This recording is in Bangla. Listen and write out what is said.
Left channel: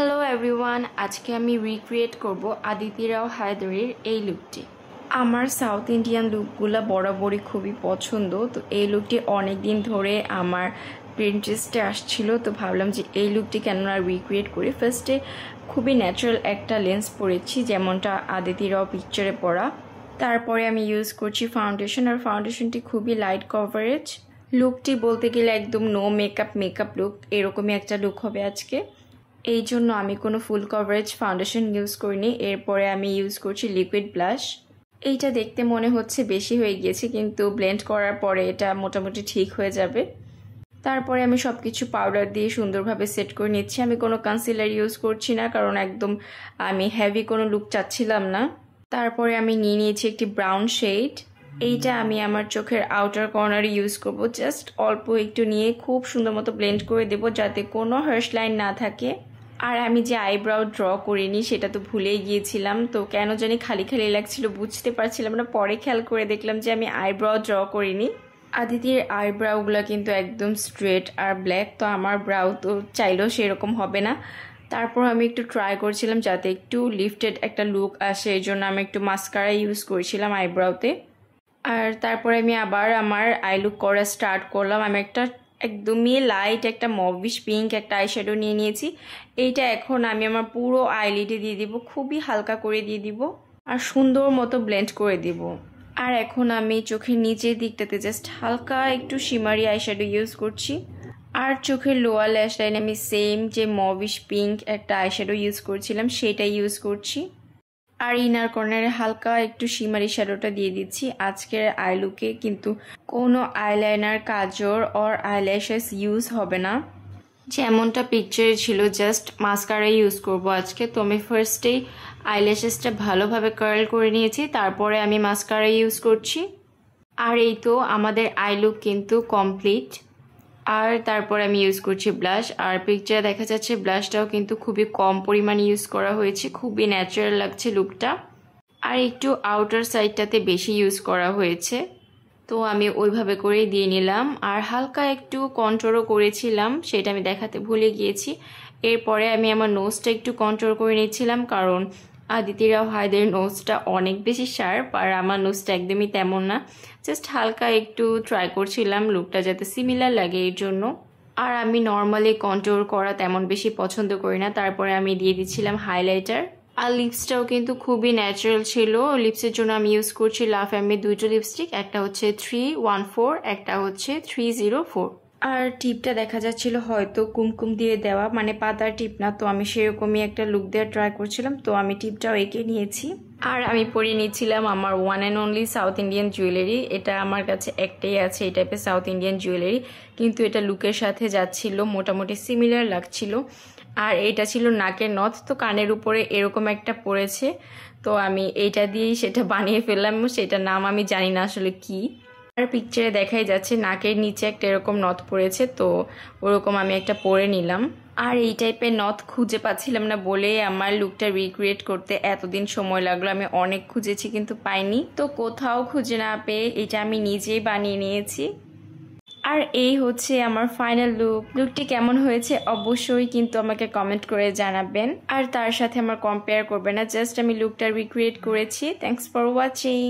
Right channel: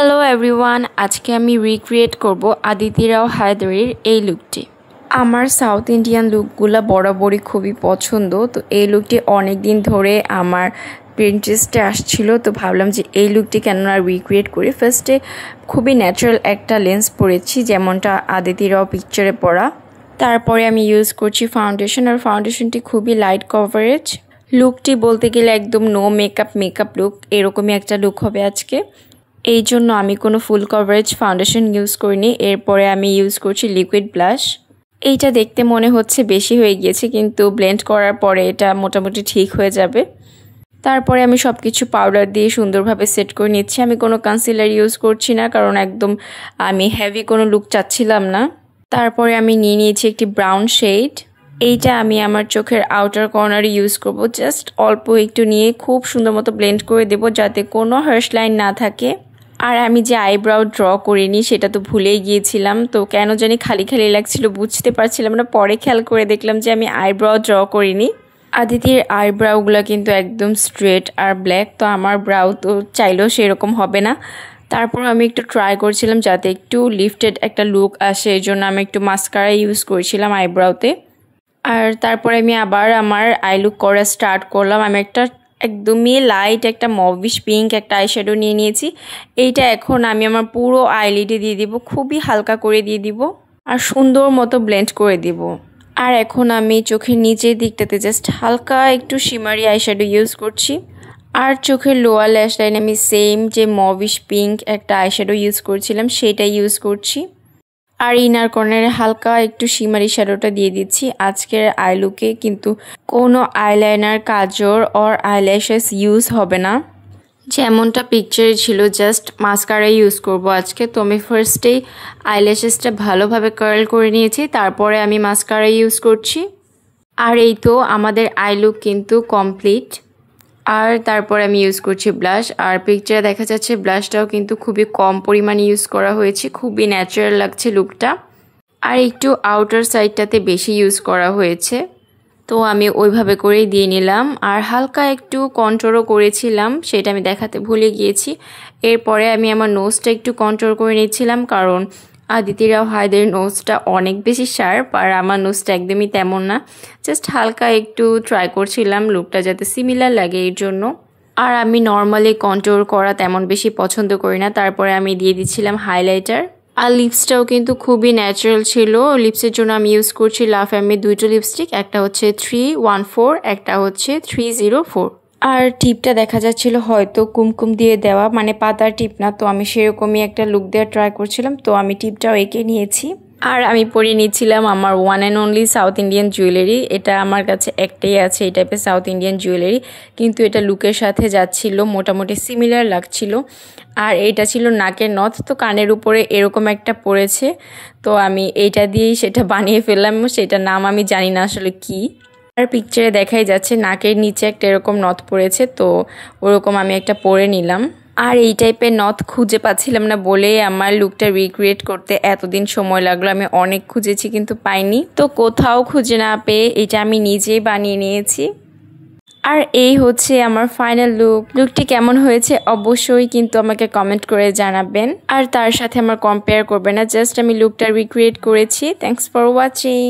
হ্যালো এভরিওয়ান, আজকে আমি রিক্রিয়েট করব আদিতি রাও হায়দারের এই লুকটি। আমার সাউথ ইন্ডিয়ান লুকগুলো বরাবরই খুবই পছন্দ, তো এই লুকটি অনেক দিন ধরে আমার প্রিন্টারেস্টে আসছিল, তো ভাবলাম যে এই লুকটি কেননা রিক্রিয়েট করি। ফার্স্টে খুবই ন্যাচারাল একটা লেন্স পরেছি, যেমনটা আদিতি রাও পিকচারে পরা। তারপরে আমি ইউজ করছি ফাউন্ডেশন, আর ফাউন্ডেশনটি খুবই লাইট কভারেজ। লুকটি বলতে গেলে একদম নো মেকআপ লুক, এরকমই একটা লুক হবে আজকে। এই জন্য আমি কোনো ফুল কভারেজ ফাউন্ডেশন ইউজ করিনি। এরপরে আমি ইউজ করছি লিকুইড ব্লাশ। এইটা দেখতে মনে হচ্ছে বেশি হয়ে গিয়েছে, কিন্তু ব্লেন্ড করার পরে এটা মোটামুটি ঠিক হয়ে যাবে। তারপরে আমি সব কিছু পাউডার দিয়ে সুন্দরভাবে সেট করে নিচ্ছি। আমি কোনো কনসিলার ইউজ করছি না, কারণ একদম আমি হেভি কোনো লুক চাচ্ছিলাম না। তারপরে আমি নিয়ে নিয়েছি একটি ব্রাউন শেড। এইটা আমি আমার চোখের আউটার কর্নারে ইউজ করব। জাস্ট অল্প একটু নিয়ে খুব সুন্দর মতো ব্লেন্ড করে দেব, যাতে কোনো হার্শ লাইন না থাকে। আর আমি যে আইব্রাউ ড্র করিনি সেটা তো ভুলেই গিয়েছিলাম, তো কেন জানি খালি খালি লাগছিল, বুঝতে পারছিলাম না। পরে খেয়াল করে দেখলাম যে আমি আইব্রাউ ড্র করিনি। আদিতির আইব্রাউগুলো কিন্তু একদম স্ট্রেট আর ব্ল্যাক, তো আমার ব্রাউ তো চাইলেও সেরকম হবে না। তারপর আমি একটু ট্রাই করছিলাম যাতে একটু লিফটেড একটা লুক আসে, এই জন্য আমি একটু মাস্কারা ইউজ করেছিলাম আইব্রাউতে। আর তারপরে আমি আবার আমার আই লুক করা স্টার্ট করলাম। আমি একটা একদমই লাইট একটা মভিশ পিঙ্ক একটা আইশ্যাডো নিয়ে নিয়েছি। এইটা এখন আমি আমার পুরো আইলিডে দিয়ে দিব, খুবই হালকা করে দিয়ে দিব আর সুন্দর মতো ব্লেন্ড করে দিব। আর এখন আমি চোখের নিচের দিকটাতে জাস্ট হালকা একটু শিমারি আইশ্যাডো ইউজ করছি। আর চোখের লোয়ার ল্যাশ লাইন আমি সেম যে মভিশ পিঙ্ক একটা আইশ্যাডো ইউজ করছিলাম সেটা ইউজ করছি। আর ইনার কর্নারে হালকা একটু শিমারি শ্যাডোটা দিয়ে দিচ্ছি। আজকের আই লুকে কিন্তু কোনো eyeliner, Kajal or eyelashes use হবে না, যেমনটা পিকচারে ছিল। জাস্ট মাস্কারা ইউজ করব আজকে। তো আমি ফার্স্টেই আইল্যাশেসটা ভালোভাবে কার্ল করে নিয়েছি, তারপরে আমি মাস্কারা ইউজ করছি। আর এই তো আমাদের আই লুক কিন্তু কমপ্লিট। আর তারপর আমি ইউজ করছি ব্লাশ। আর পিকচারে দেখা যাচ্ছে ব্লাশটাও কিন্তু খুবই কম পরিমাণে ইউজ করা হয়েছে, খুবই ন্যাচারাল লাগছে লুকটা। আর একটু আউটার সাইডটাতে বেশি ইউজ করা হয়েছে, তো আমি ওইভাবে করেই দিয়ে নিলাম। আর হালকা একটু কন্ট্রোলও করেছিলাম, সেটা আমি দেখাতে ভুলে গিয়েছি। এরপরে আমি আমার নোজটা একটু কন্ট্রোল করে নিচ্ছিলাম, কারণ আদিতি রাও হায়দারের নোজটা অনেক বেশি শার্প, আর আমার নোজটা একদমই তেমন না। জাস্ট হালকা একটু ট্রাই করছিলাম লুকটা যাতে সিমিলার লাগে এর জন্য। আর আমি নর্মালি কন্ট্রোল করা তেমন বেশি পছন্দ করি না। তারপরে আমি দিয়ে দিচ্ছিলাম হাইলাইটার। আর লিপসটাও কিন্তু খুবই ন্যাচারাল ছিল। লিপসের জন্য আমি ইউজ করছি লা ফ্যামিলির দুটো লিপস্টিক, একটা হচ্ছে 314, একটা হচ্ছে 304। আর টিপটা দেখা যাচ্ছিল হয়তো কুমকুম দিয়ে দেওয়া, মানে পাতার টিপ না, তো আমি সেরকমই একটা লুক দেওয়ার ট্রাই করছিলাম, তো আমি টিপটাও এঁকে নিয়েছি। আর আমি পরিয়ে নিচ্ছিলাম আমার one and only south Indian jewellery. এটা আমার কাছে একটাই আছে এই টাইপের সাউথ ইন্ডিয়ান জুয়েলারি, কিন্তু এটা লুকের সাথে যাচ্ছিল, মোটামুটি সিমিলার লাগছিল। আর এইটা ছিল নাকের নথ, তো কানের উপরে এরকম একটা পড়েছে, তো আমি এইটা দিয়েই সেটা বানিয়ে ফেললাম। সেটার নাম আমি জানি না আসলে কি। আর পিকচারে দেখাই যাচ্ছে নাকের নিচে একটা এরকম নথ পড়েছে, তো ওরকম আমি একটা পরে নিলাম। আর এই টাইপের নথ খুঁজে পাচ্ছিলাম না বলে আমার লুকটা রিক্রিয়েট করতে এতদিন সময় লাগলো। আমি অনেক খুঁজেছি কিন্তু পাইনি, তো কোথাও খুঁজে না পেয়ে এটা আমি নিজেই বানিয়ে নিয়েছি। আর এই হচ্ছে আমার ফাইনাল লুক। লুকটি কেমন হয়েছে অবশ্যই কিন্তু আমাকে কমেন্ট করে জানাবেন, আর তার সাথে আমার কম্পেয়ার করবেন না। জাস্ট আমি লুকটা রিক্রিয়েট করেছি। Thanks for watching.